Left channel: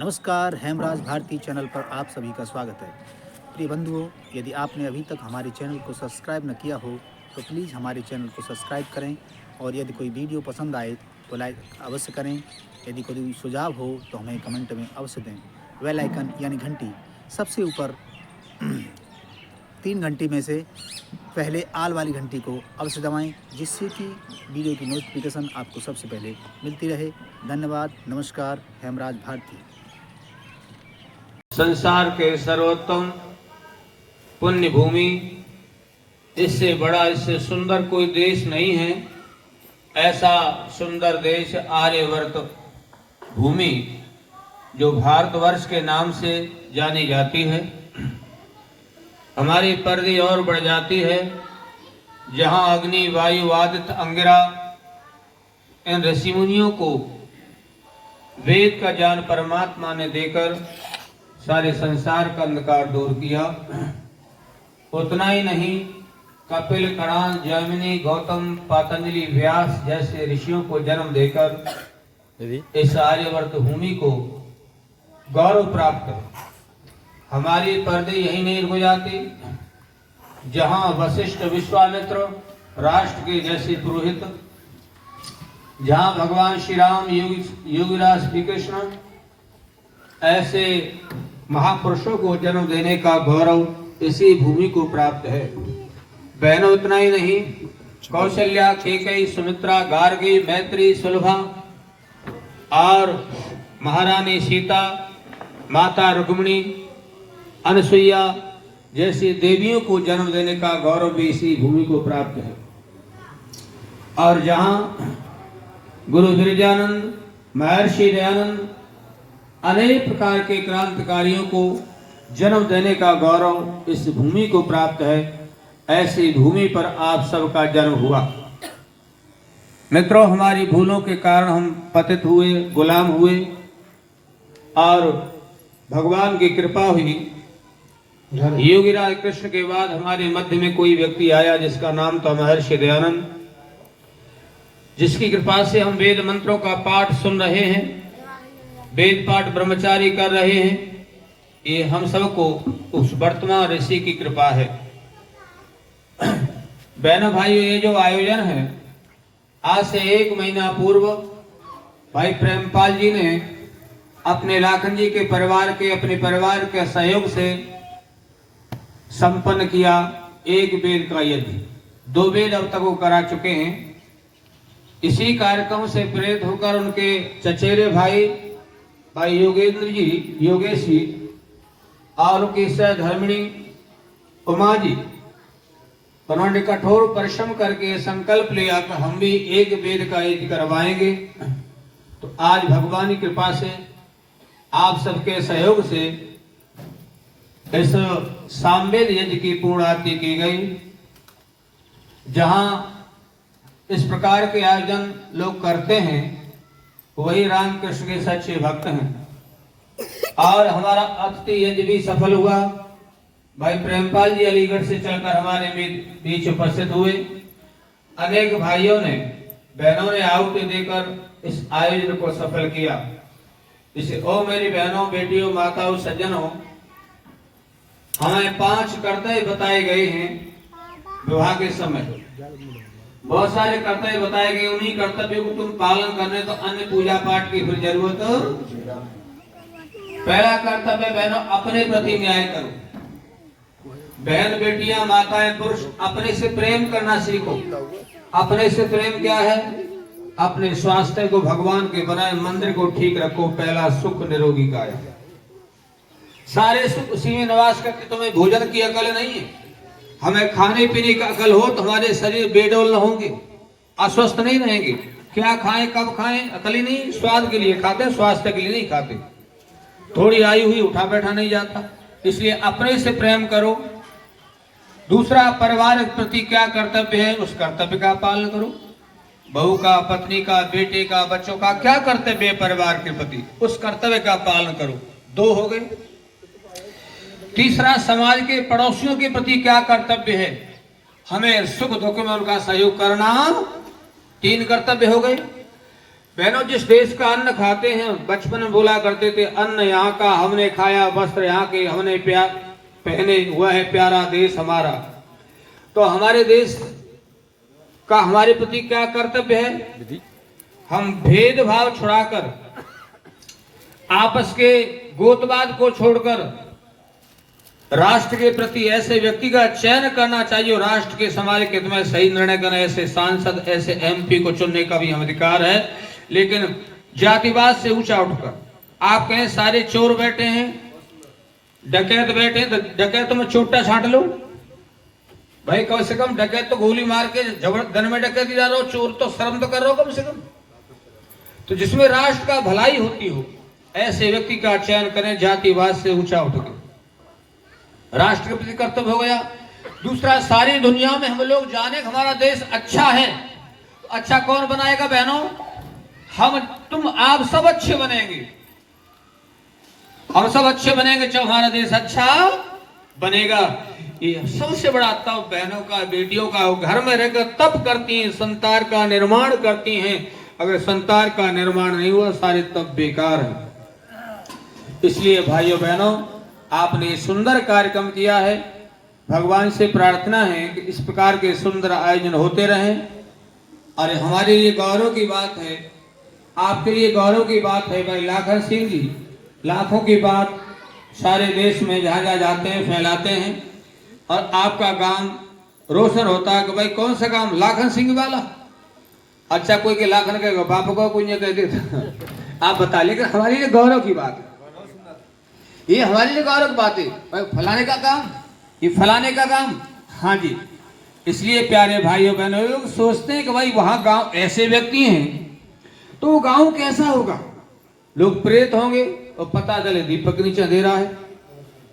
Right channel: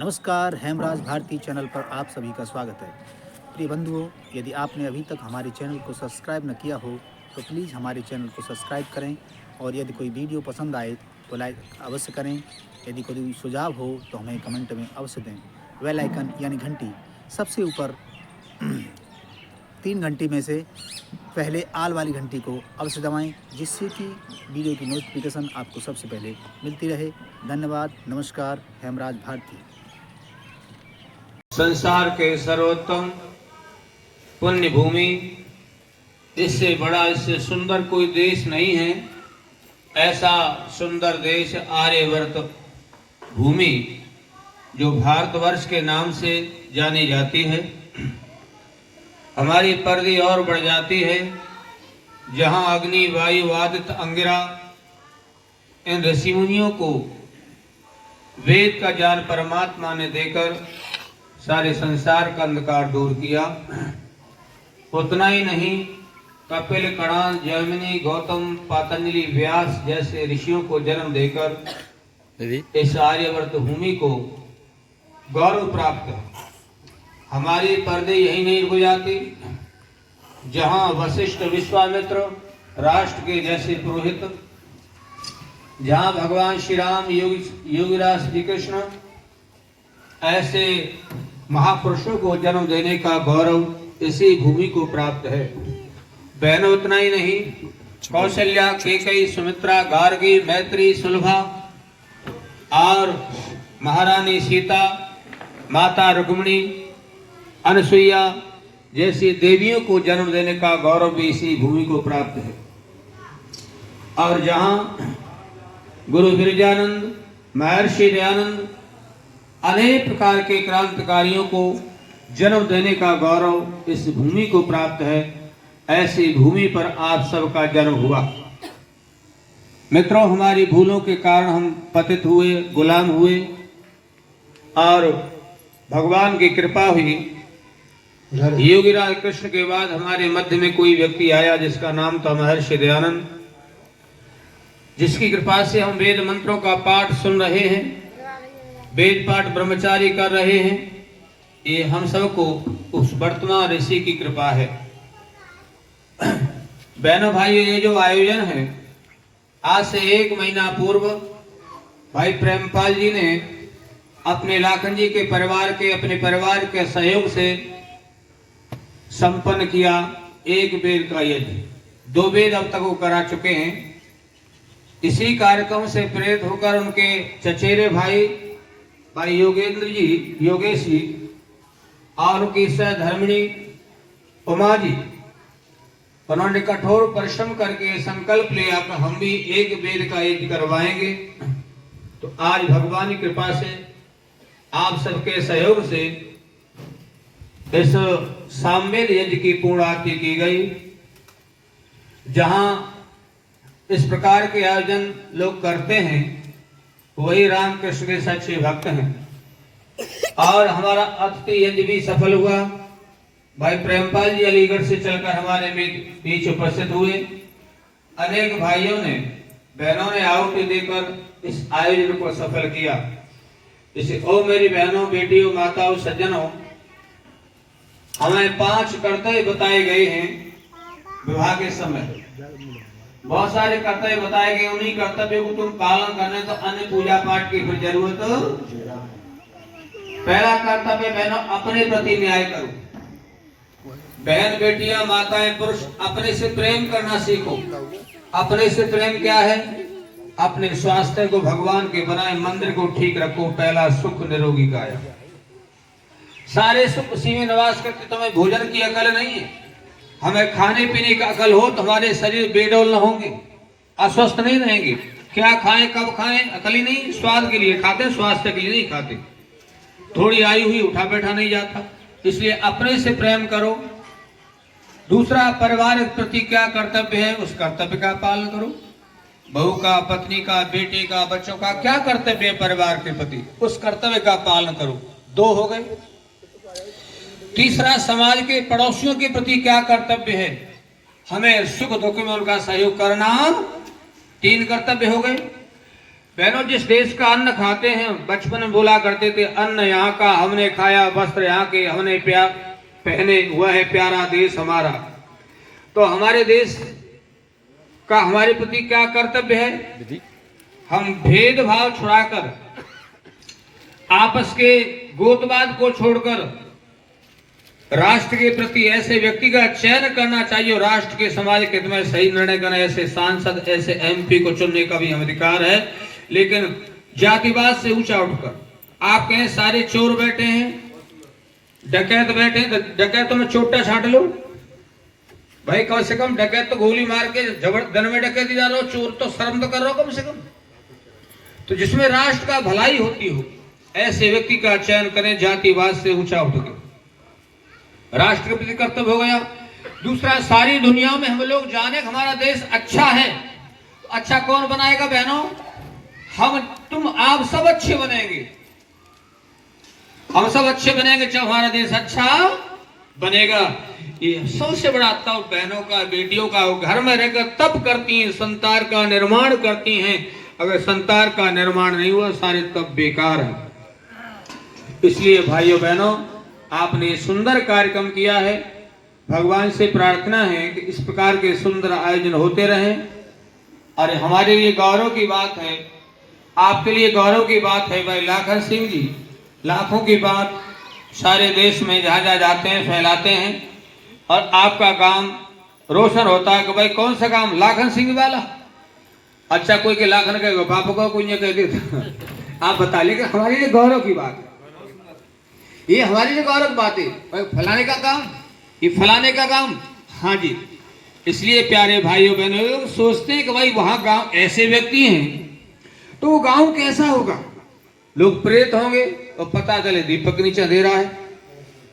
नमस्कार, हेमराज भारती चैनल पर आप सभी का स्वागत है। प्रिय बंधुओं, यदि आपने अभी तक हमारे चैनल को सब्सक्राइब न किया हो तो प्लीज़ हमारे चैनल को सब्सक्राइब करें और यदि कोई वीडियो पसंद आए तो लाइक अवश्य करें। यदि कोई सुझाव हो तो हमें कमेंट में अवश्य दें। बेल आइकन यानी घंटी सबसे ऊपर 3 घंटी में से पहले आल वाली घंटी को अवश्य दबाएं, जिससे कि वीडियो की नोटिफिकेशन आपको सबसे पहले मिलती रहे। धन्यवाद। नमस्कार, हेमराज भारती। संसार के सर्वोत्तम पुण्य भूमि, इससे बड़ा इससे सुंदर कोई देश नहीं है। ऐसा सुंदर देश आर्यवर्त भूमि जो भारतवर्ष के नाम से जानी जाती है। हमारी परिधि और बढ़ जाती है, जहां अग्नि वायु आदित्य अंगिरा इन ऋषि मुनियों को वेद का ज्ञान परमात्मा ने देकर सारे संसार का अंधकार दूर किया। उतना ही नहीं, कपिल, कणाद, जैमिनी, गौतम, पातंजलि, व्यास जैसे ऋषियों को जन्म देकर इस आर्यवर्त भूमि को गौरव प्राप्त है। हमारी पर्दे यही नहीं रुक जाती, जहां वशिष्ठ, विश्वामित्र, राष्ट्र के जैसे पुरोहित, जहां भगवान श्री राम, योगीराज श्री कृष्ण ऐसे महापुरुषों को जन्म देने का गौरव इसी भूमि को प्राप्त है। बहनों, उतना ही नहीं, कौशल्या, केकई, सुमित्रा, गार्गी, मैत्री, सुलभा और महारानी सीता, माता रुक्मिणी, अनसुईया जैसी देवियों को जन्म देने का गौरव भी इसी भूमि को प्राप्त है। और जहां गुरु विरजानंद, महर्षि दयानंद अनेक प्रकार के क्रांतिकारियों को जन्म देने का गौरव इस भूमि को प्राप्त है। ऐसी भूमि पर आप सबका जन्म हुआ। मित्रों, हमारी भूलों के कारण हम पतित हुए, गुलाम हुए और भगवान की कृपा हुई। योगीराज कृष्ण के बाद हमारे मध्य में कोई व्यक्ति आया जिसका नाम था महर्षि दयानंद, जिसकी कृपा से हम वेद मंत्रों का पाठ सुन रहे हैं, वेद पाठ ब्रह्मचारी कर रहे हैं। ये हम सबको उस वर्तमान ऋषि की कृपा है। बहनों भाइयों, ये जो आयोजन है, आज से 1 महीना पूर्व भाई प्रेमपाल जी ने अपने लाखन जी के परिवार के, अपने परिवार के सहयोग से संपन्न किया। 1 वेद का यज्ञ, 2 वेद अब तक वो करा चुके हैं। इसी कार्यक्रम से प्रेरित होकर उनके चचेरे भाई योगेंद्र जी, योगेश जी और उनकी सहधर्मिणी उमा जी, उन्होंने कठोर परिश्रम करके संकल्प लिया कि हम भी 1 वेद का यज्ञ करवाएंगे। तो आज भगवान की कृपा से, आप सबके सहयोग से इस सामवेद यज्ञ की पूर्णाहुति की गई। जहां इस प्रकार के आयोजन लोग करते हैं, वही रामकृष्ण के सच्चे भक्त हैं। और हमारा अतिथि यज्ञ भी सफल हुआ। भाई प्रेमपाल जी अलीगढ़ से चलकर हमारे बीच उपस्थित हुए। अनेक भाइयों ने, बहनों ने आहुति देकर इस आयोजन को सफल किया। इसे ओ मेरी बहनों, बेटियों, माताओं, सज्जनों, हमें 5 कर्तव्य बताए गए हैं विवाह के समय। बहुत सारे कर्तव्य बताए गए, उन्हीं कर्तव्यों को तुम पालन करने तो अन्य पूजा पाठ की फिर जरूरत। पहला कर्तव्य बहनों, अपने प्रति न्याय करो। बहन, बेटियां, माताएं, पुरुष, अपने से प्रेम करना सीखो। अपने से प्रेम क्या है? अपने स्वास्थ्य को, भगवान के बनाए मंदिर को ठीक रखो। पहला सुख निरोगी काया। सारे सुख उसी में निवास करते। तुम्हें भोजन की अकल नहीं है, हमें खाने पीने का अकल हो तो हमारे शरीर बेडौल न होंगे, अस्वस्थ नहीं रहेंगे। क्या खाएं, कब खाएं, अकल ही नहीं। स्वाद के लिए खाते, स्वास्थ्य के लिए नहीं खाते। थोड़ी आयु हुई, उठा बैठा नहीं जाता। इसलिए अपने से प्रेम करो। दूसरा, परिवार के प्रति क्या कर्तव्य है, उस कर्तव्य का पालन करो। बहू का, पत्नी का, बेटे का, बच्चों का क्या कर्तव्य है परिवार के प्रति, उस कर्तव्य का पालन करो। 2 हो गए। तीसरा, समाज के पड़ोसियों के प्रति क्या कर्तव्य है, हमें सुख दुख में उनका सहयोग करना। 3 कर्तव्य हो गए। बहनों, जिस देश का अन्न खाते हैं, बचपन में बोला करते थे अन्न यहाँ का हमने खाया, वस्त्र यहाँ के हमने पहने, हुआ है प्यारा देश हमारा। तो हमारे देश का हमारे प्रति क्या कर्तव्य है? हम भेदभाव छुड़ाकर, आपस के गोतवाद को छोड़कर राष्ट्र के प्रति ऐसे व्यक्ति का चयन करना चाहिए और राष्ट्र के समाज के हित में सही निर्णय करना, ऐसे सांसद, ऐसे एमपी को चुनने का भी हम अधिकार है। लेकिन जातिवाद से ऊंचा उठकर आप कहें सारे चोर बैठे हैं, डकैत बैठे हैं, डकैत में चोटा छांट लो भाई। कम से कम डकैत तो गोली मार के जबरदन में डकैती जा रहे हो, चोर तो शर्म तो कर रहे हो कम से कम। तो जिसमें राष्ट्र का भलाई होती हो ऐसे व्यक्ति का चयन करें, जातिवाद से ऊंचा उठ के। राष्ट्र के प्रति कर्तव्य हो गया। दूसरा, सारी दुनिया में हम लोग जाने हमारा देश अच्छा है, तो अच्छा कौन बनाएगा बहनों? हम, तुम, आप सब अच्छे बनेंगे। हम सब अच्छे बनेंगे जब हमारा देश अच्छा बनेगा। ये सबसे बड़ा तब बहनों का, बेटियों का घर में रहकर तब करती हैं, संतान का निर्माण करती हैं। अगर संतान का निर्माण नहीं हुआ सारे तब बेकार है। इसलिए भाइयों बहनों, आपने सुंदर कार्यक्रम किया है। भगवान से प्रार्थना है कि इस प्रकार के सुंदर आयोजन होते रहें। और हमारे लिए गौरव की बात है, आपके लिए गौरव की बात है भाई लाखन सिंह जी, लाखों की बात सारे देश में जहाँ जहाँ जाते हैं फैलाते हैं और आपका काम रोशन होता है कि भाई कौन सा काम? लाखन सिंह वाला। अच्छा, कोई के लाखन कहेगा बाप को, कोई नहीं कहेगा आप बता। लेकिन हमारे लिए गौरव की बात है, ये हमारे लिए गौरव बात है भाई, फलाने का काम, ये फलाने का काम। हाँ जी, इसलिए प्यारे भाइयों बहनों, लोग सोचते हैं कि भाई वहां गांव ऐसे व्यक्ति हैं तो वो गांव कैसा होगा? लोग प्रेत होंगे और पता चले दीपक नीचे अंधेरा है।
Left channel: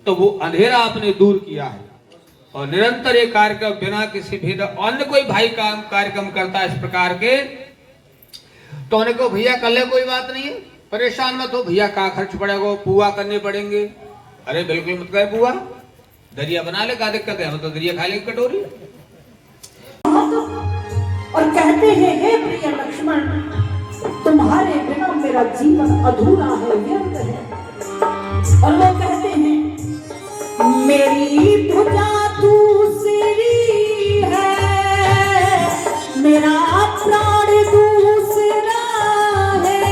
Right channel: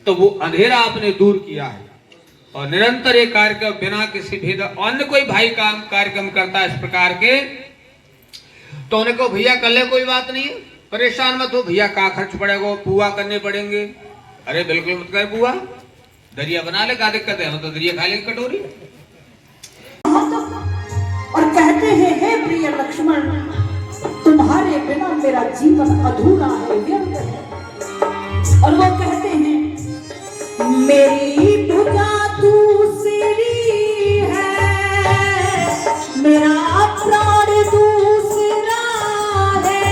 तो वो अंधेरा आपने दूर किया है और निरंतर ये कार्यक्रम बिना किसी भेद, अन्य कोई भाई काम कार्यक्रम करता है इस प्रकार के, तो उनको भैया कर ले, कोई बात नहीं है, परेशान मत हो भैया, का खर्च पड़ेगा, पुआ करने पड़ेंगे। अरे बिल्कुल मत कर पुआ, दरिया बना ले, क्या दिक्कत है? हम तो दरिया खा लेंगे कटोरी। और कहते हैं हे प्रिय लक्ष्मण, तुम्हारे बिना मेरा जीवन अधूरा है, व्यर्थ है। और वो कहते हैं मेरी भुजा दूसरी है, मेरा प्राण दूसरा है,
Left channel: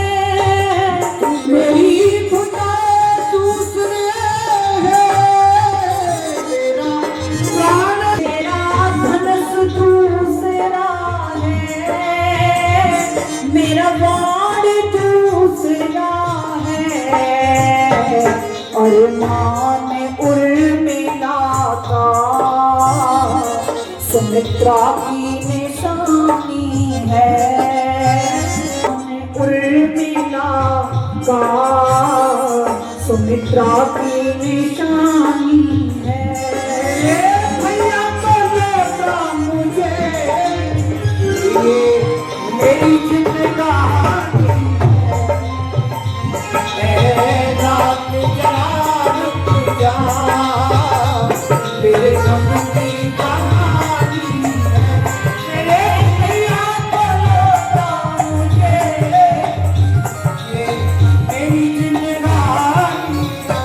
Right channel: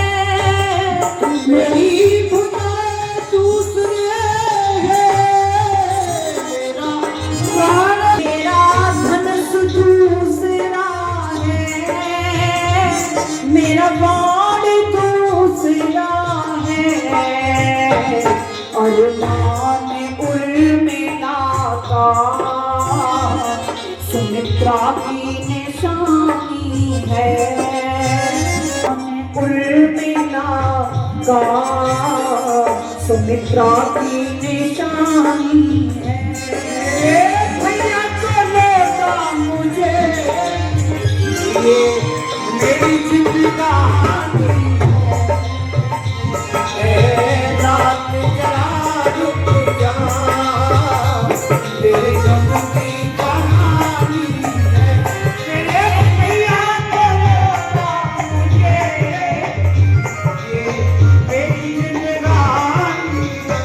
मेरी भुजा दूसरे है, मेरा प्राण, मेरा धनुष दूसरा है, मेरा बाण दूसरा है, और मान उर्मिला का सुमित्रा की निशानी है, उर्मिला का सुमित्रा की निशानी है। भैया को देता मुझे ये मेरी जिंदगानी है, नाम जरा रुक जा, तेरे गम की कहानी है। मेरे भैया को देता मुझे ये मेरी जिंदगानी है।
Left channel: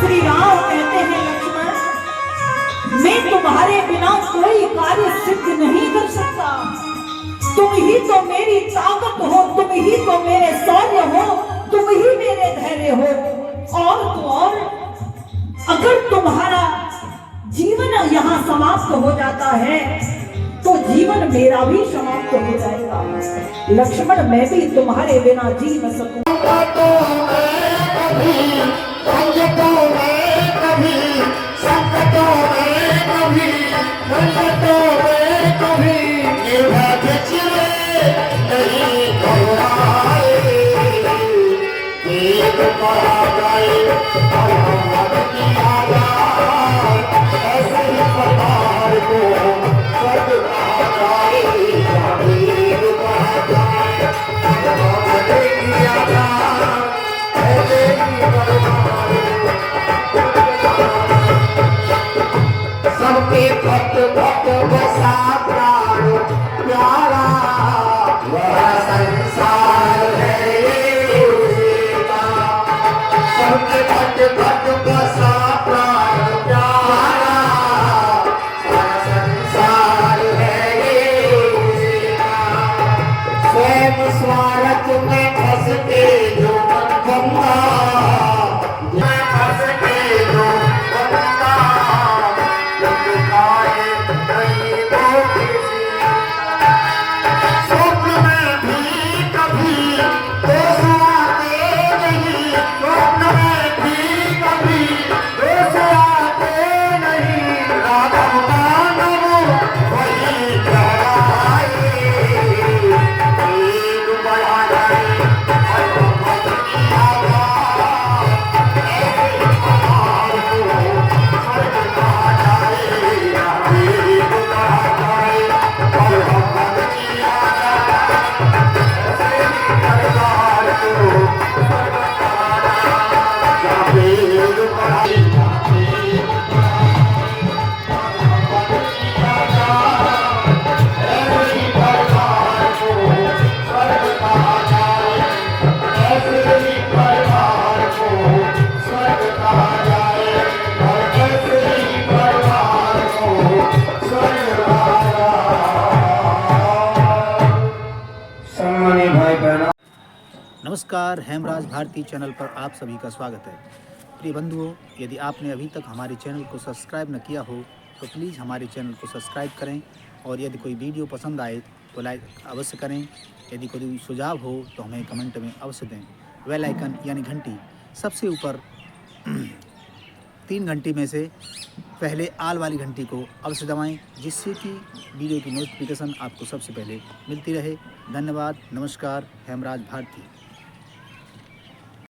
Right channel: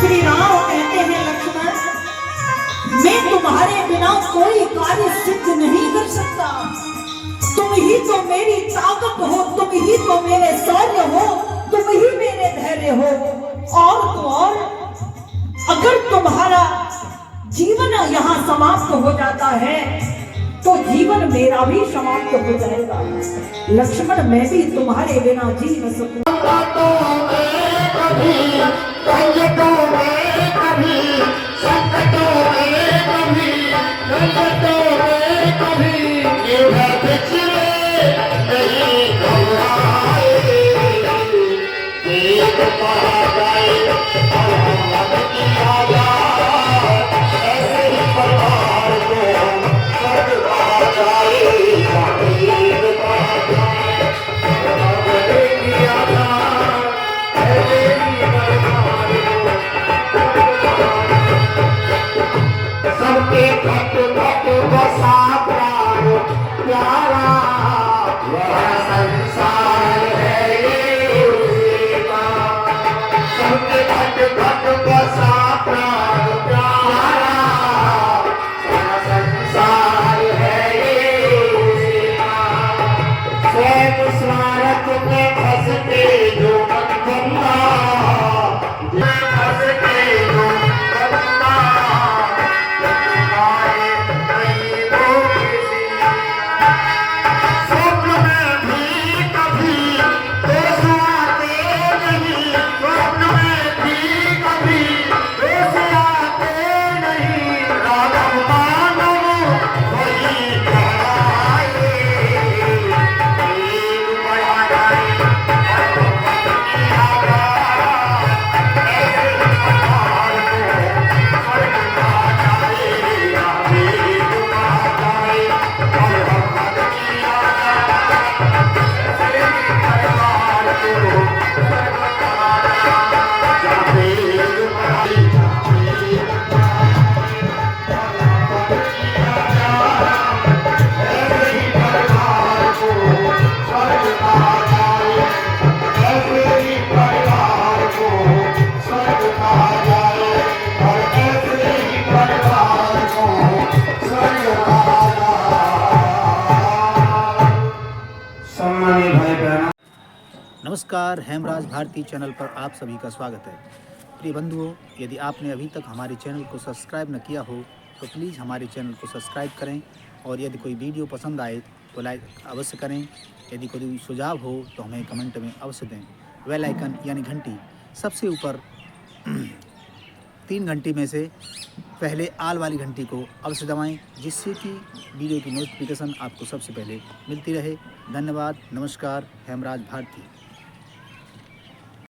श्री राम कहते हैं लक्ष्मण, मैं तुम्हारे बिना कोई कार्य सिद्ध नहीं कर सकता। तुम ही तो मेरी ताकत हो, तुम ही तो मेरे शौर्य हो, तुम ही मेरे धैर्य हो। और तो और, अगर तुम्हारा जीवन यहाँ समाप्त हो जाता है तो जीवन मेरा भी समाप्त हो जाएगा। लक्ष्मण, मैं भी तुम्हारे बिना जी न सकूं। Yeah. वह संसार है ये उसी का, सब भक्त भक्त बसा प्राण प्यारा, वह संसार है ये उसी का। स्वयं स्वार्थ में फंसते जो मन बंदा, फंसते जो बंदा, पाए नहीं वो किसी। स्वप्न में भी कभी दोष आते नहीं, स्वप्न में भी कभी दोष आते नहीं, राघव मानव वही कहलाए, एक बड़ा जाए भगवत की आज्ञा, ऐसे भगवान को स्वर्ग कहा जाएगा, एक कहा जाए भगवत की आज्ञा, ऐसे भगवान को स्वर्ग कहा जाएगा, एक कहा सम्मानित भाई बहनों, नमस्कार, हेमराज भारती चैनल पर आप सभी का स्वागत है। प्रिय बंधुओं, यदि आपने अभी तक हमारे चैनल को सब्सक्राइब न किया हो तो प्लीज़ हमारे चैनल को सब्सक्राइब करें, और यदि कोई वीडियो पसंद आए तो लाइक अवश्य करें। यदि कोई सुझाव हो तो हमें कमेंट में अवश्य दें। बेल आइकन यानी घंटी सबसे ऊपर 3 घंटी में से पहले आल वाली घंटी को अवश्य दबाएं, जिससे कि वीडियो की नोटिफिकेशन आपको सबसे पहले मिलती रहे। धन्यवाद। नमस्कार। हेमराज भारती।